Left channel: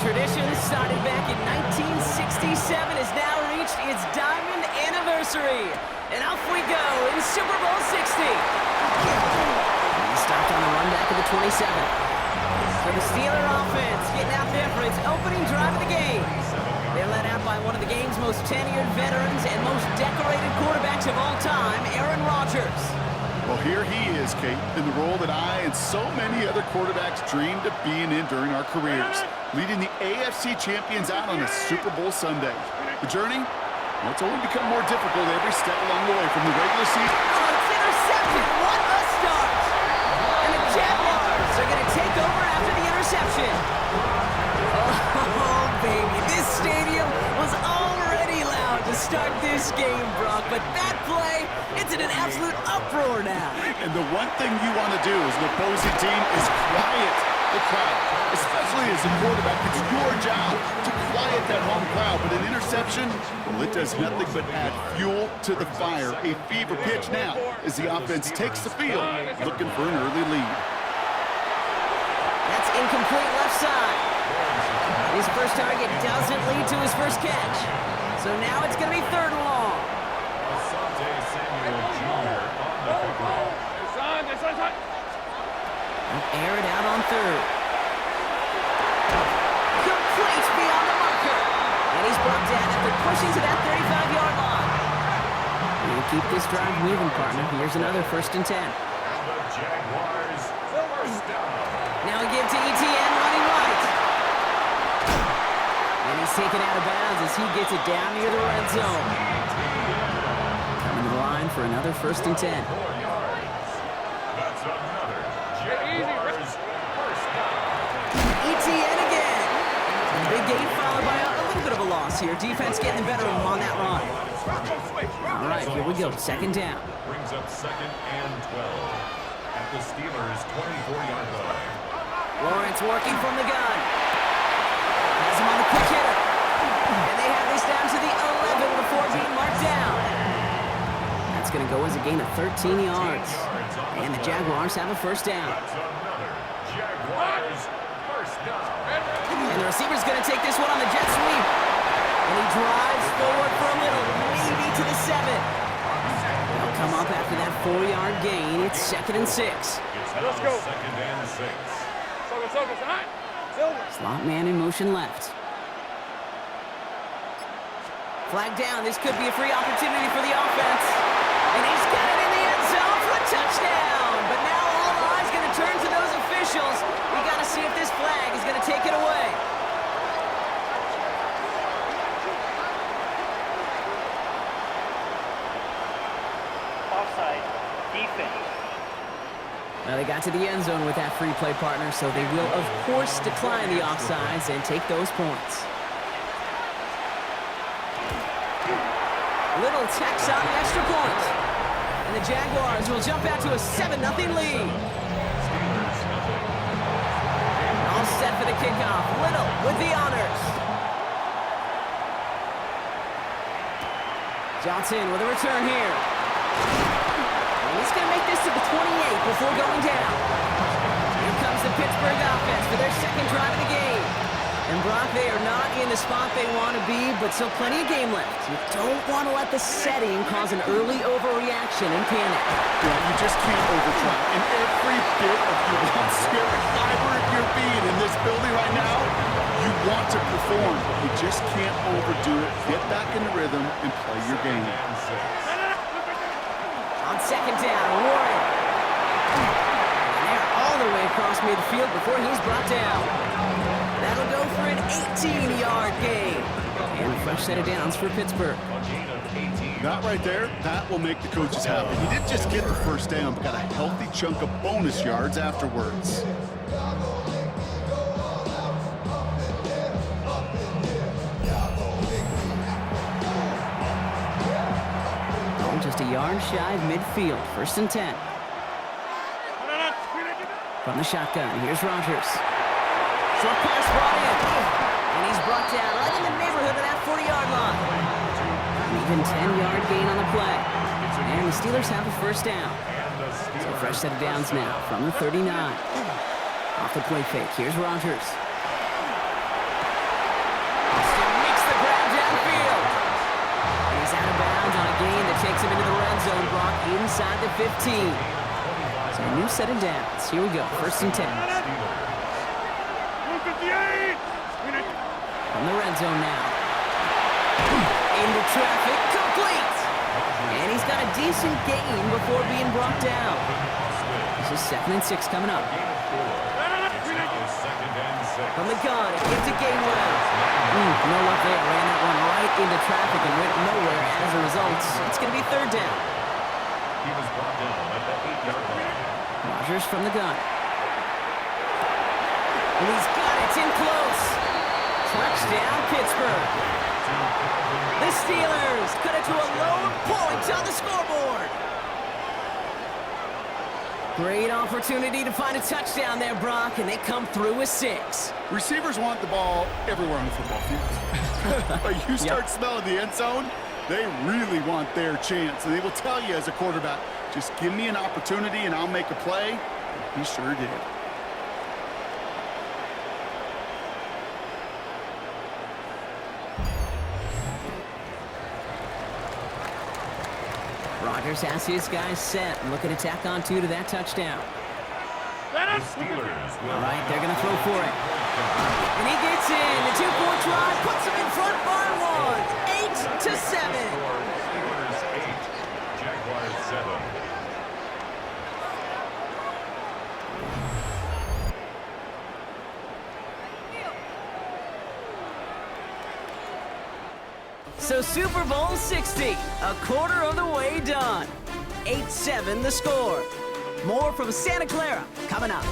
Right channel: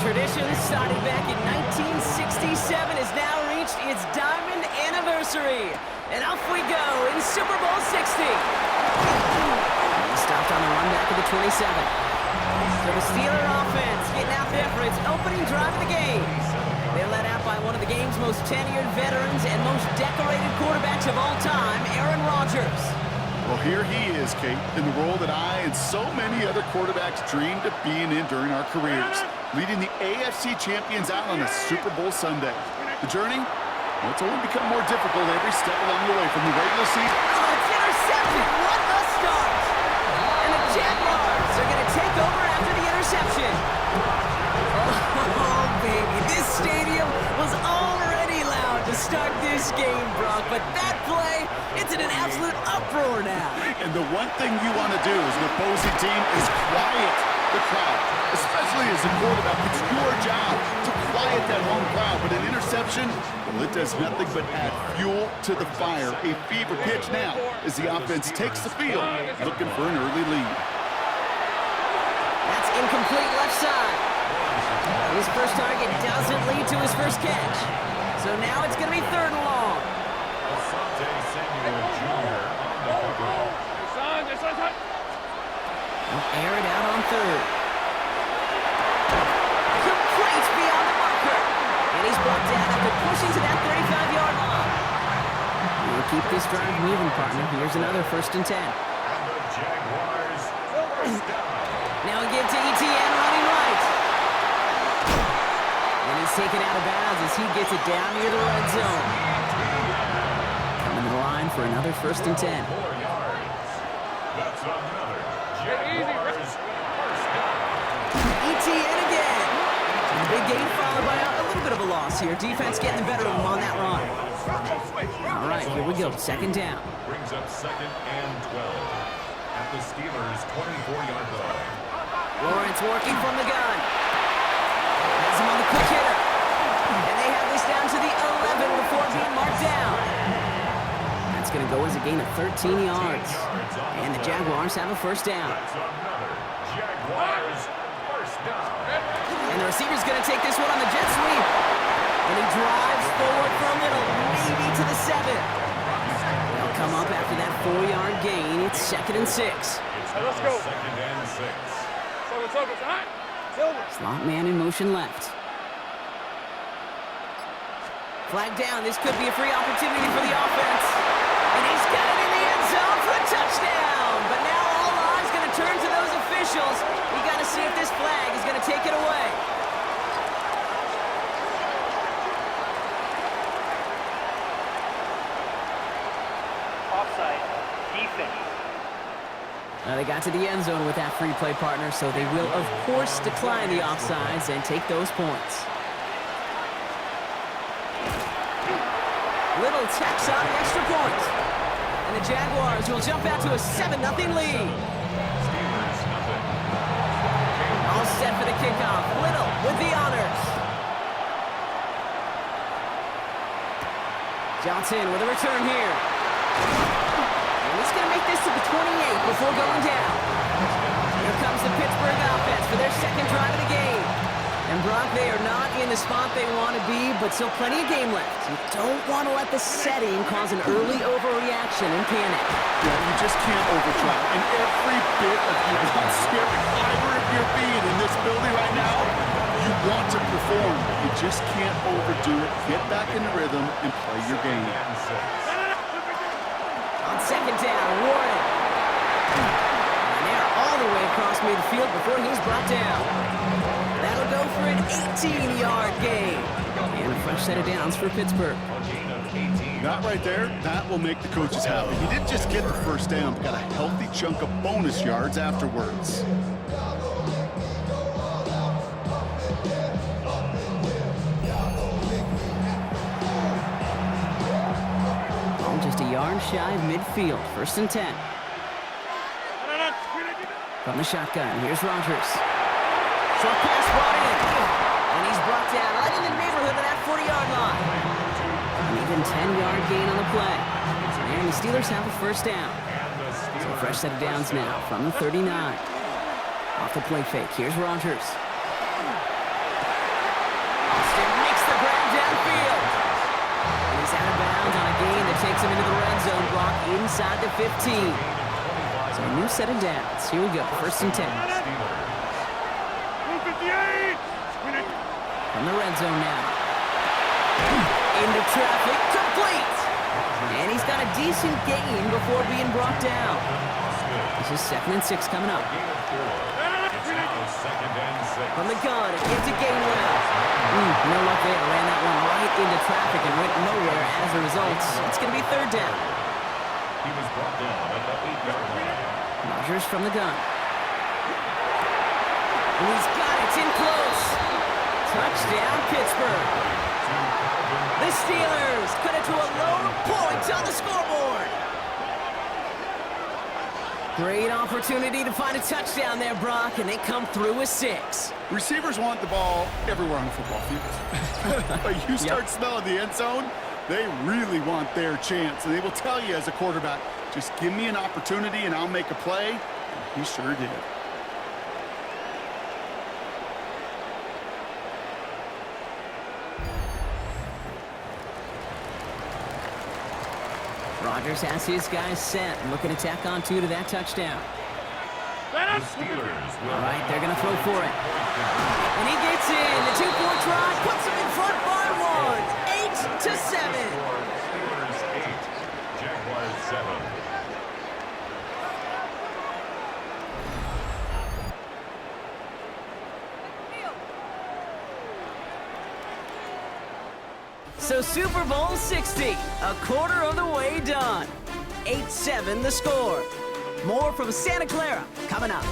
tradition started back in 1967 has now reached its diamond anniversary. And off we go in Super Bowl 60. He stopped on the run back at the 27. So the Steeler offense getting out there for its opening drive of the game. They're led out by one of the game's most tenured veterans and most decorated quarterbacks of all time, Aaron Rodgers. Well, here he is, Kate, in the role that I and so many other quarterbacks dreamed of being in during our careers, leading the AFC champions out on a Super Bowl Sunday. The journey, well, it's only become more difficult every step along the way from the regular season. Oh, it's intercepted. What a start. And the Jaguars are going to take over after the interception. Oh, baby, this stadium was already loud to start this game, Brock, but that play, it's in an absolute uproar now. And the one thing you want to do as an opposing team is quiet the crowd, especially as a quarterback. It's your job to quiet that home crowd, but an interception, well, it does nothing but add fuel to the fire. A fever pitch now as the offense takes the field, looking for an early lead. That's incomplete left side. His first target doesn't lead to his first catch. So now it's going to be 3rd and long. They'll air it out on 3rd. Complete beyond the marker. And he's brought down after pushing to that 35-yard line. And keep this drive moving, partner. Here's another 1st and 10. Now a give to ETN running right. And he's taken out of bounds as he gets it down near the red zone. Coming to the line for another 1st and 10. That's another Jaguars first down. ETN again. Big gain followed by a little bit of a loss here. Defense getting the better of him on that run. All right, here we go. 2nd down. Brings up 2nd and 12 at the Steelers' 24-yard line. Lawrence working from the gun. Has him on the quick hitter. And they have this down to the 11 before being marked down. That's going to go as a gain of 13 yards. And the Jaguars have a 1st down. That's another Jaguars first down. And the receiver's going to take this one on the jet sweep. And he drives forward for a little, maybe to the 7. They'll come up after that 4-yard gain. It's 2nd and 6. It's now 2nd and 6. Slot man in motion left. Flag down. This could be a free opportunity for the offense. And he's got it in the end zone for a touchdown. But now all eyes going to turn to those officials. We got to see if this flag is going to take it away. Offside, defense. Now they got to the end zone with that free play, partner, so they will, of course, decline the offsides and take those points. Little tacks on the extra point. And the Jaguars will jump out to a 7-0 lead. Steelers nothing. All set for the kickoff. Little with the honors. Johnson with a return here. And he's going to make this to the 28 before going down. Here comes the Pittsburgh offense for their 2nd drive of the game. And Brock, they are not in the spot they want to be, but still plenty of game left. You don't want to let the setting cause an early overreaction and panic. Yeah, you just can't overtry. And every bit of you want spirit, fiber of your being in this building right now, you want to perform. You just can't overdo it. Get back in the rhythm and play your game. On 2nd down, Warren. And they're all the way across midfield before he's brought down. That'll go for an 18-yard gain. And a fresh set of downs for Pittsburgh. That right there, that will make the coaches happy. He didn't just get the 1st down, but got a healthy chunk of bonus yards afterwards. Oh, just a yard shy of midfield. 1st and 10. From the shotgun, here's Rodgers. Short pass brought in. And he's brought down right in the neighborhood of that 40-yard line. An even 10-yard gain on the play. And the Steelers have a 1st down. So a fresh set of downs now from the 39. Off the play fake, here's Rodgers. downfield. And he's out of bounds on a gain that takes him into the red zone, Brock, inside the 15. So a new set of downs. Here we go, 1st and 10. From the red zone now. Into traffic, complete. And he's got a decent gain before being brought down. This is 2nd and 6 coming up. From the gun, it gives to Gainwell. No luck there. Ran that one right into traffic and went nowhere as a result. It's going to be 3rd down. He was brought down at the 8-yard line. Rodgers from the gun. And he's got it. It's in close. Touchdown, Pittsburgh. The Steelers cut it to a lone point on the scoreboard. Great opportunity to find a touchdown there, Brock, and they come through with 6. Receivers want the ball everywhere on the football field. But you start smelling the end zone, they really want their chance. And they will tell you as a quarterback, just give me an opportunity and I'll make a play. And he sure did. Rodgers has his guys set and looking to tack on 2 to that touchdown. The Steelers will All right, they're going to throw for it. And he gets in. The 2-point try puts him in front by 1. 8-7. Steelers 8, Jaguars 7. So Super Bowl 60, a quarter of the way done. 8-7 the score. More from Santa Clara coming up.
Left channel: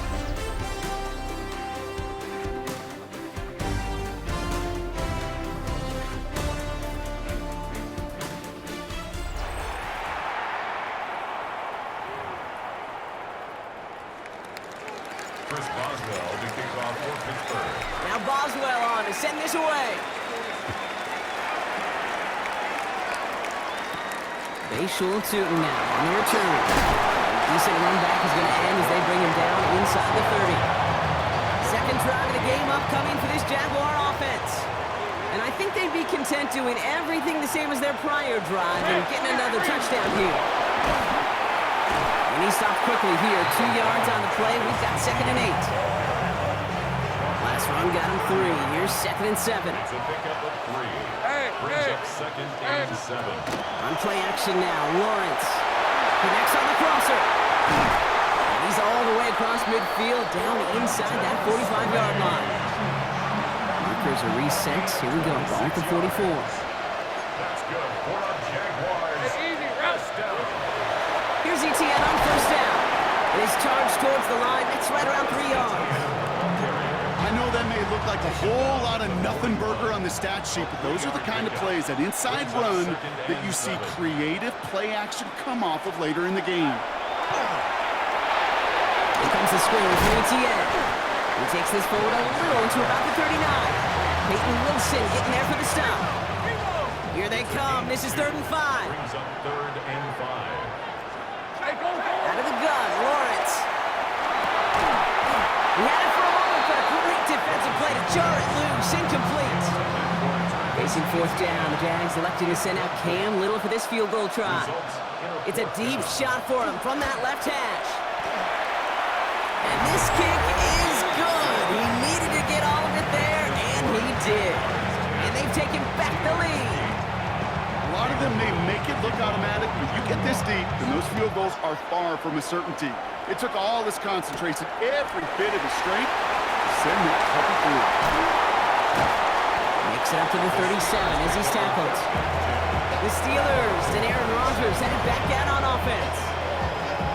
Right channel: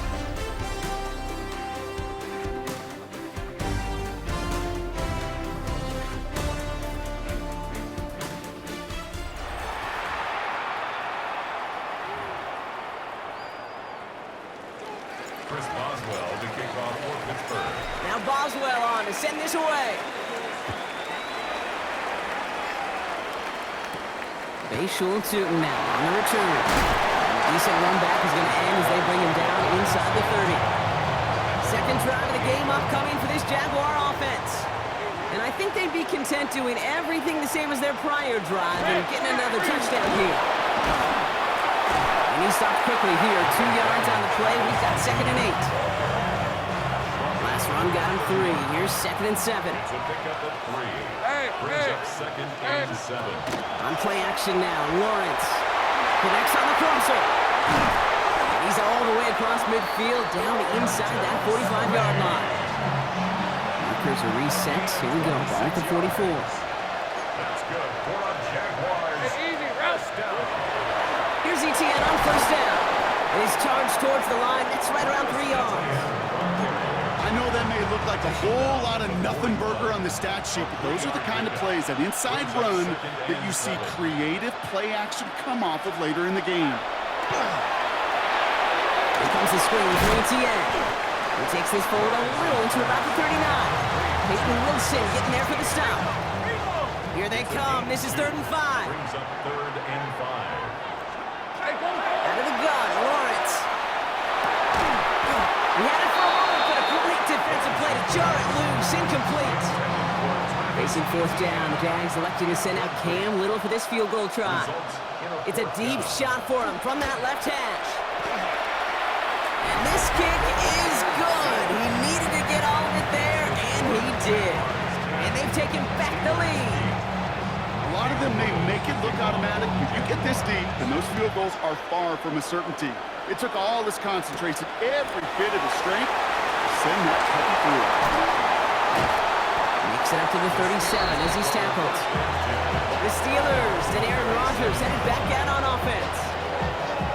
Chris Boswell to kick off for Pittsburgh. Now Boswell on to send this away. Bayshul Tootin now on the return. Decent run back is going to end as they bring him down inside the 30. 2nd drive of the game upcoming for this Jaguar offense. And I think they'd be content doing everything the same as their prior drive and getting another touchdown here. And he stopped quickly here. 2 yards on the play. We've got 2nd and 8. Last run got him 3. Here's 2nd and 7. It's a pickup of 3. Brings up 2nd and 7. On play action now, Lawrence connects on the crosser. And he's all the way across midfield, down inside that 45-yard line. Markers are reset. Here we go, ball at the 44. That's good for a Jaguars. First down. Here's ETN on 1st down. And his charge towards the line, that's right around 3 yards. I know that may look like a whole lot of nothing burger on the stat sheet, but those are the kind of plays, that inside run, that you see creative play action come off of later in the game. Here comes the screen for ETN. He takes this forward a little into about the 39. Peyton Wilson getting there for the stop. Here they come. This is 3rd and 5. Brings up 3rd and 5. Out of the gun, Lawrence. He had it for a moment, but a great defensive play to jar it loose. Incomplete. Facing 4th down, the Jags electing to send out Cam Little for this field goal try. It's a deep shot for him from that left hash. And this kick is good. He needed to get all of it there, and he did. And they've taken back the lead. A lot of them may make it look automatic, but you get this deep, and those field goals are far from a certainty. It took all his concentration, every bit of his strength, to send that puppy through. Makes it up to the 37 as he's tackled. The Steelers and Aaron Rodgers headed back out on offense.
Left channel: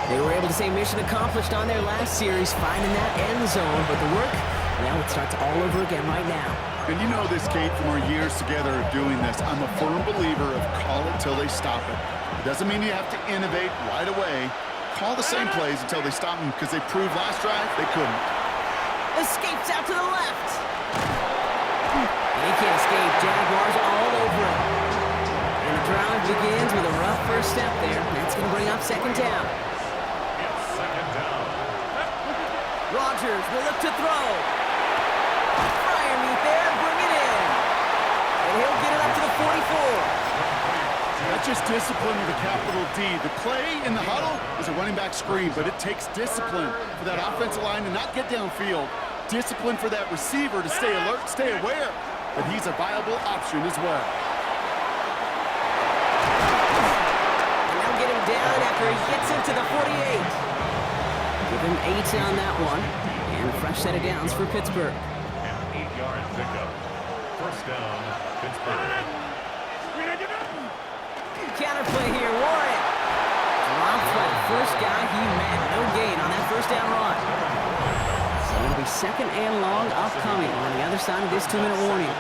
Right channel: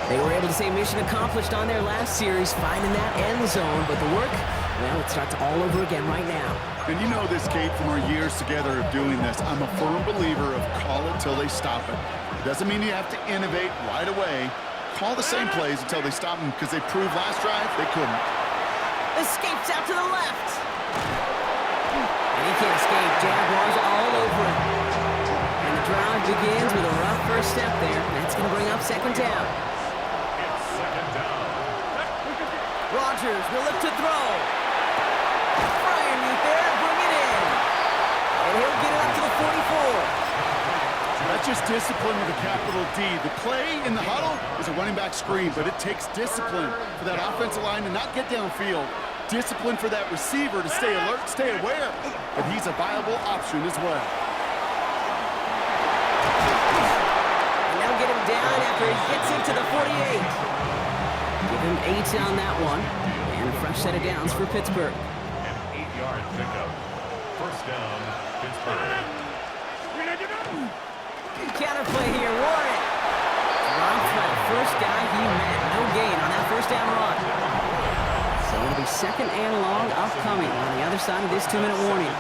They were able to say mission accomplished on their last series, finding that end zone, but the work, well, it starts all over again right now. And you know this, Kate, from our years together of doing this. I'm a firm believer of call it till they stop it. It doesn't mean you have to innovate right away. Call the same plays until they stop them, because they proved last drive they couldn't. Escapes out to the left. And he can't escape. Jaguars all over him. And the drive begins with a rough first step there. That's going to bring up 2nd down. It's 2nd down. Rodgers will look to throw. Freiermuth there and bring it in. And he'll get it up to the 44. That's just discipline with a capital D. The play in the huddle is a running back screen, but it takes discipline for that offensive line to not get downfield. Discipline for that receiver to stay alert, stay aware that he's a viable option as well. And they'll get him down after he gets into the 48. Give him 8 on that one. And a fresh set of downs for Pittsburgh. An 8-yard pickup. First down, Pittsburgh. Counterplay here, Warren. Dropped by the first guy he met. No gain on that first down run. So it'll be second and long upcoming on the other side of this 2-minute warning.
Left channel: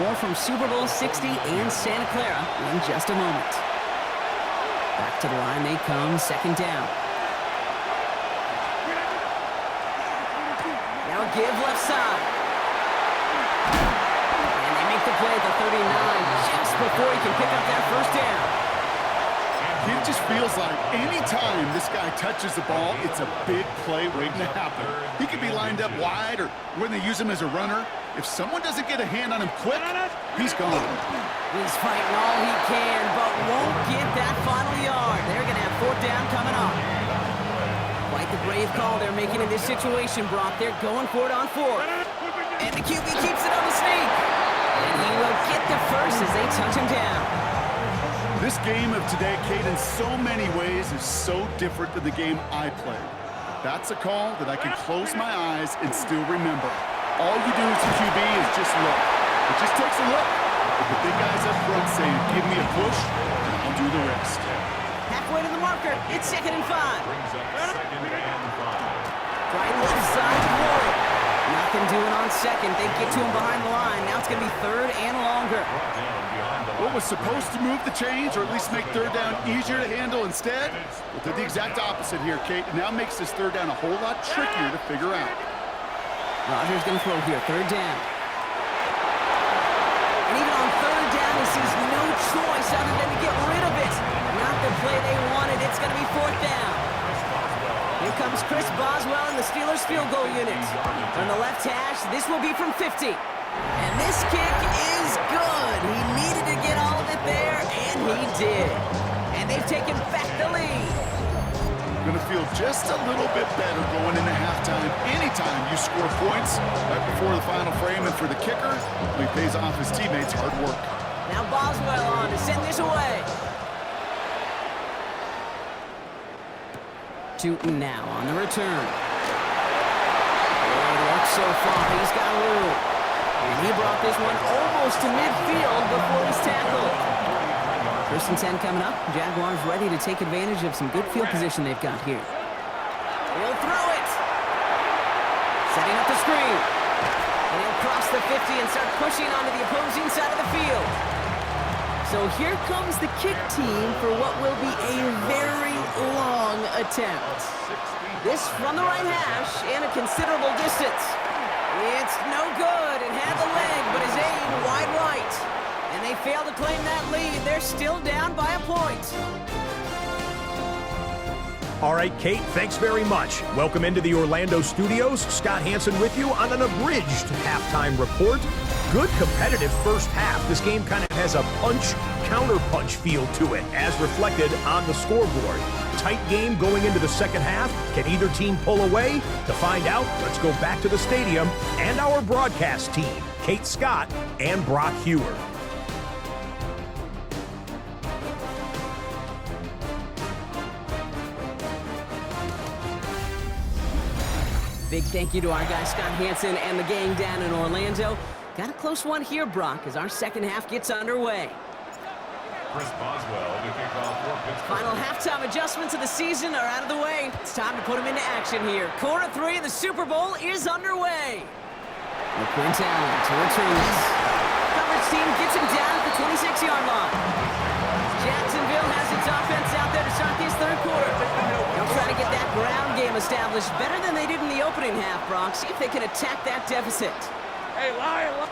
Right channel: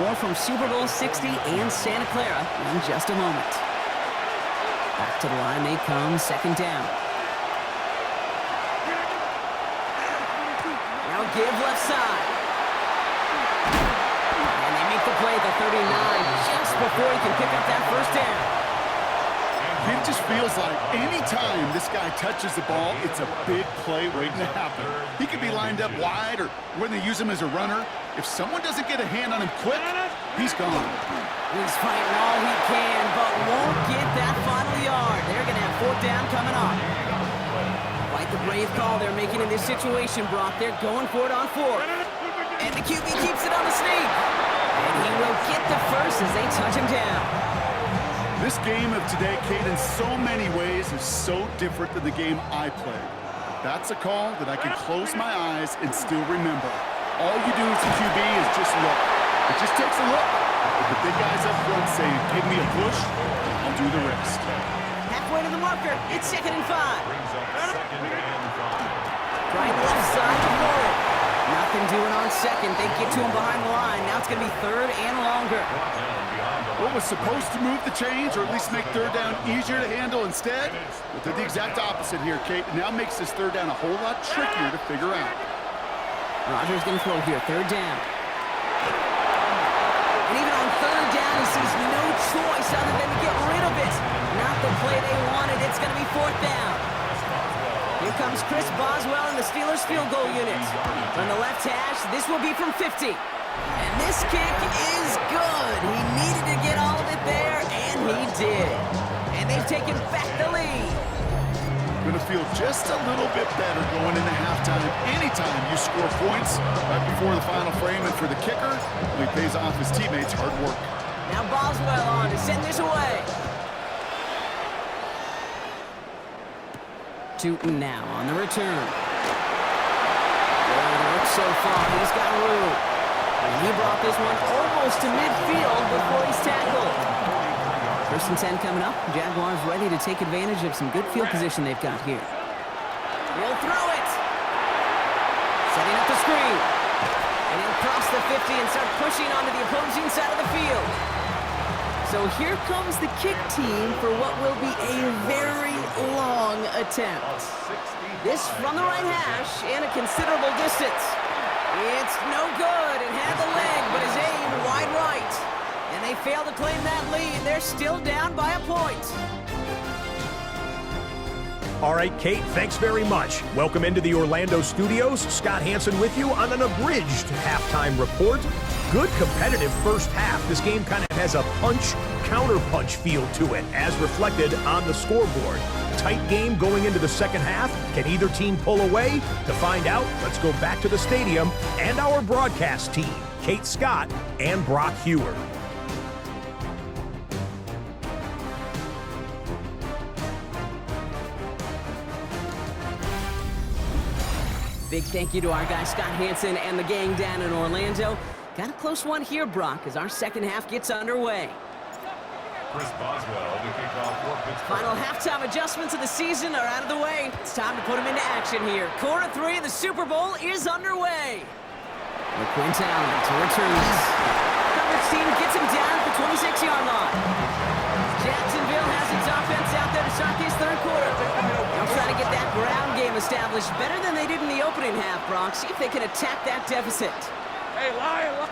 More from Super Bowl 60 and Santa Clara in just a moment. Back to the line they come, second down. Now give left side. And they make the play at the 39 just before he can pick up that first down. It just feels like any time this guy touches the ball, it's a big play waiting to happen. He could be lined up wide or when they use him as a runner. If someone doesn't get a hand on him quick, he's gone. He's fighting all he can, but won't get that final yard. They're going to have fourth down coming up. Quite the brave call they're making in this situation, Brock. They're going for it on fourth. And the QB keeps it on the sneak. And he will get the first as they touch him down. This game of today, Kate, in so many ways is so different than the game I played. But that's a call that I can close my eyes and still remember. All you do as a QB is just look. It just takes a look. If the big guys up front say, give me a push, then I'll do the rest. Halfway to the marker, it's 2nd and 5. Brings up 2nd and 5. Right left side to Warren. Nothing doing on second. They get to him behind the line. Now it's going to be 3rd and longer. What was supposed to move the chains, or at least make 3rd down easier to handle instead, well, did the exact opposite here, Kate. It now makes this 3rd down a whole lot trickier to figure out. Rodgers going to throw here, 3rd down. And even on 3rd down, he sees no choice other than to get rid of it. Not the play they wanted. It's going to be 4th down. Here comes Chris Boswell in the Steelers field goal unit. From the left hash, this will be from 50. And this kick is good. He needed to get all of it there, and he did. And they've taken back the lead. Going to feel just a little bit better going into halftime. Anytime you score points right before the final frame, and for the kicker, he pays off his teammates' hard work. Now Boswell on to send this away. Tootin now on the return. Good work so far. He's got room. And he brought this one almost to midfield before he's tackled. 1st and 10 coming up. Jaguars ready to take advantage of some good field position they've got here. He'll throw it. Setting up the screen. And he'll cross the 50 and start pushing onto the opposing side of the field. So here comes the kick team for what will be a very long attempt. This from the right hash and a considerable distance. It's no good. It had the leg, but his aim wide right. And they fail to claim that lead. They're still down by a point. All right, Kate, thanks very much. Welcome into the Orlando studios. Scott Hansen with you on an abridged halftime report. Good competitive first half. This game kind of has a punch-counter-punch feel to it, as reflected on the scoreboard. Tight game going into the second half. Can either team pull away? To find out, let's go back to the stadium and our broadcast team, Kate Scott and Brock Hewer. Big thank you to our guy Scott Hansen and the gang down in Orlando. Got a close one here, Brock, as our second half gets underway. Chris Boswell to kick off for Pittsburgh. Final halftime adjustments of the season are out of the way. It's time to put them into action here. Quarter 3 of the Super Bowl is underway. Quint Allen to return this. Coverage team gets him down at the 26-yard line. Jacksonville has its offense out there to start this third quarter. They'll try to get that ground game established better than they did in the opening half, Brock. See if they can attack that deficit. Hey, liar.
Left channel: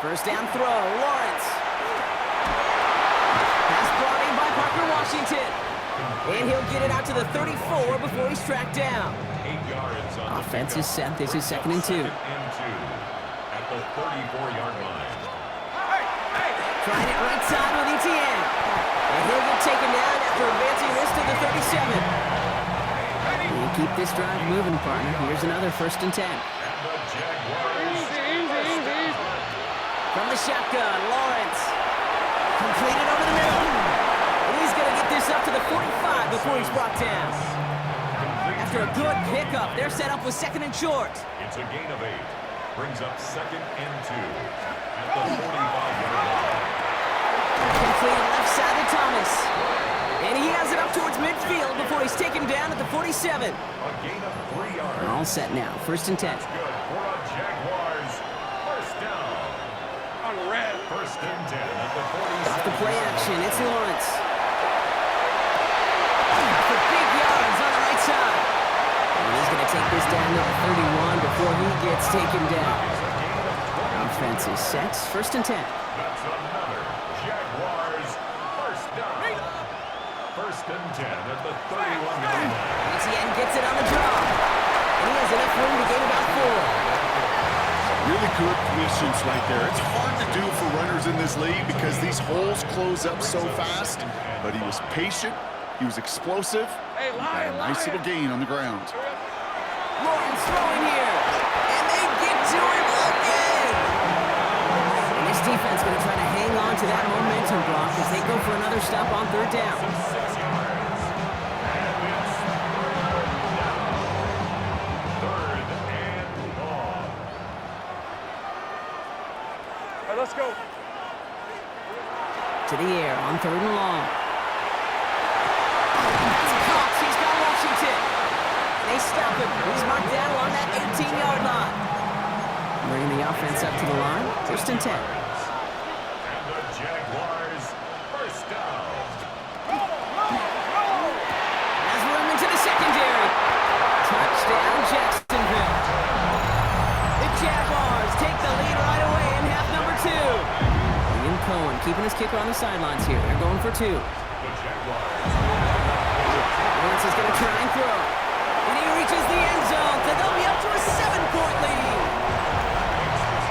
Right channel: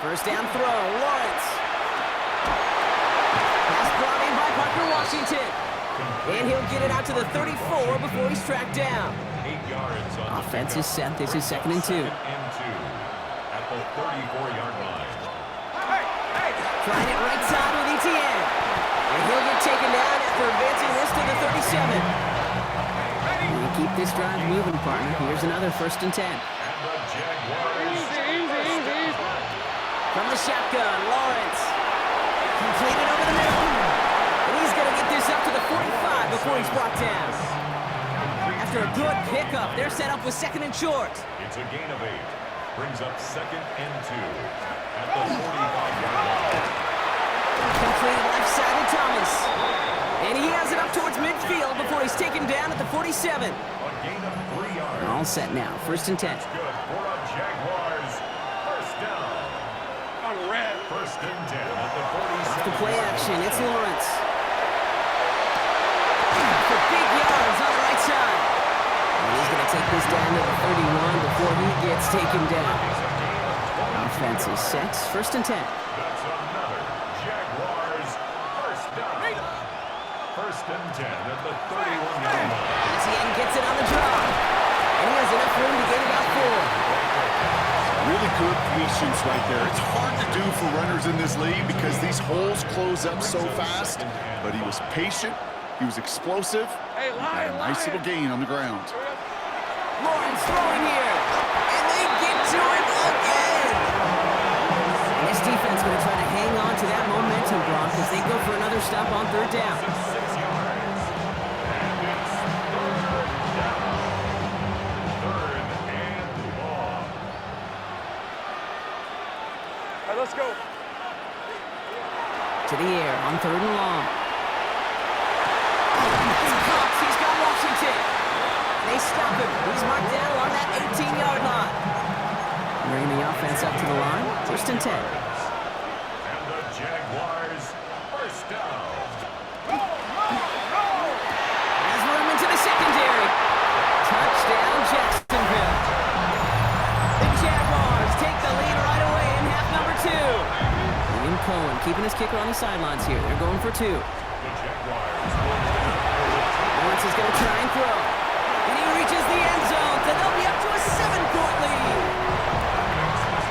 First down throw, Lawrence. Pass brought in by Parker Washington. And he'll get it out to the 34 before he's tracked down. 8 yards on Offense is set. This is 2nd and 2. At the 34-yard line. Trying it right side with Etienne. And he'll get taken down after advancing this to the 37. And keep this drive moving, partner. Here's another 1st and 10. And the Jaguars. From the shotgun, Lawrence. Completed over the middle. And he's going to get this up to the 45 before he's brought down. After a good pickup, they're set up with 2nd and short. It's a gain of 8. Brings up 2nd and 2 at the 45-yard line. Completed left side to Thomas. And he has it up towards midfield before he's taken down at the 47. A gain of 3 yards. All set now, 1st and 10. That's good for a Jaguars. 1st down. On red. 1st and 10 at the 47. Off the play action, it's Lawrence. For big yards on the right side. And he's going to take this down to the 31 before he gets taken down. Offense is set, 1st and 10. That's another Jaguars 1st down. 1st and 10 at the 31-yard line. Etienne gets it on the draw. And he has enough room to gain about 4. Really good patience right there. It's hard to do for runners in this league because these holes close up so fast. But he was patient, he was explosive, and got a nice little gain on the ground. Lawrence throwing here. And they get to him again. And this defense going to try to hang on to that momentum, Brock, as they go for another stop on 3rd down. 6 yards. And it's 3rd down. 3rd and long. All right, let's go. To the air on 3rd and long. It's Cox. He's got Washington. They stop him. He's marked down along that 18-yard line. Bringing the offense up to the line. 1st and 10. And the Jaguars 1st down. Has room into the secondary. Touchdown, Jacksonville. The Jaguars take the lead right away in half number 2. William Cohen keeping his kicker on the sidelines here. They're going for 2. The Jaguars. Lawrence is going to try and throw. And he reaches the end zone, so they'll be up to a 7-point lead.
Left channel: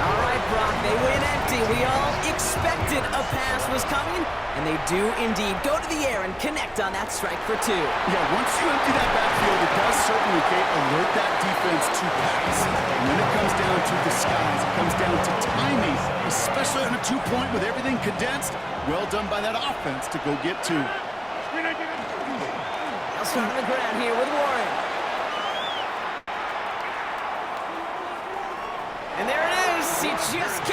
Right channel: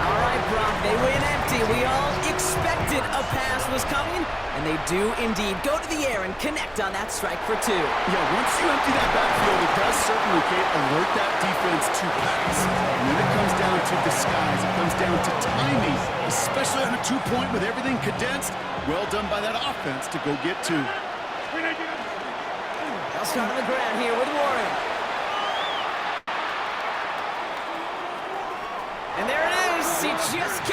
All right, Brock, they win empty. We all expected a pass was coming, and they do indeed go to the air and connect on that strike for 2. Yeah, once you empty that backfield, it does certainly alert that defense to pass. And then it comes down to disguise. It comes down to timing, especially on a 2-point with everything condensed. Well done by that offense to go get 2. They'll start on the ground here with Warren. And there it is. He just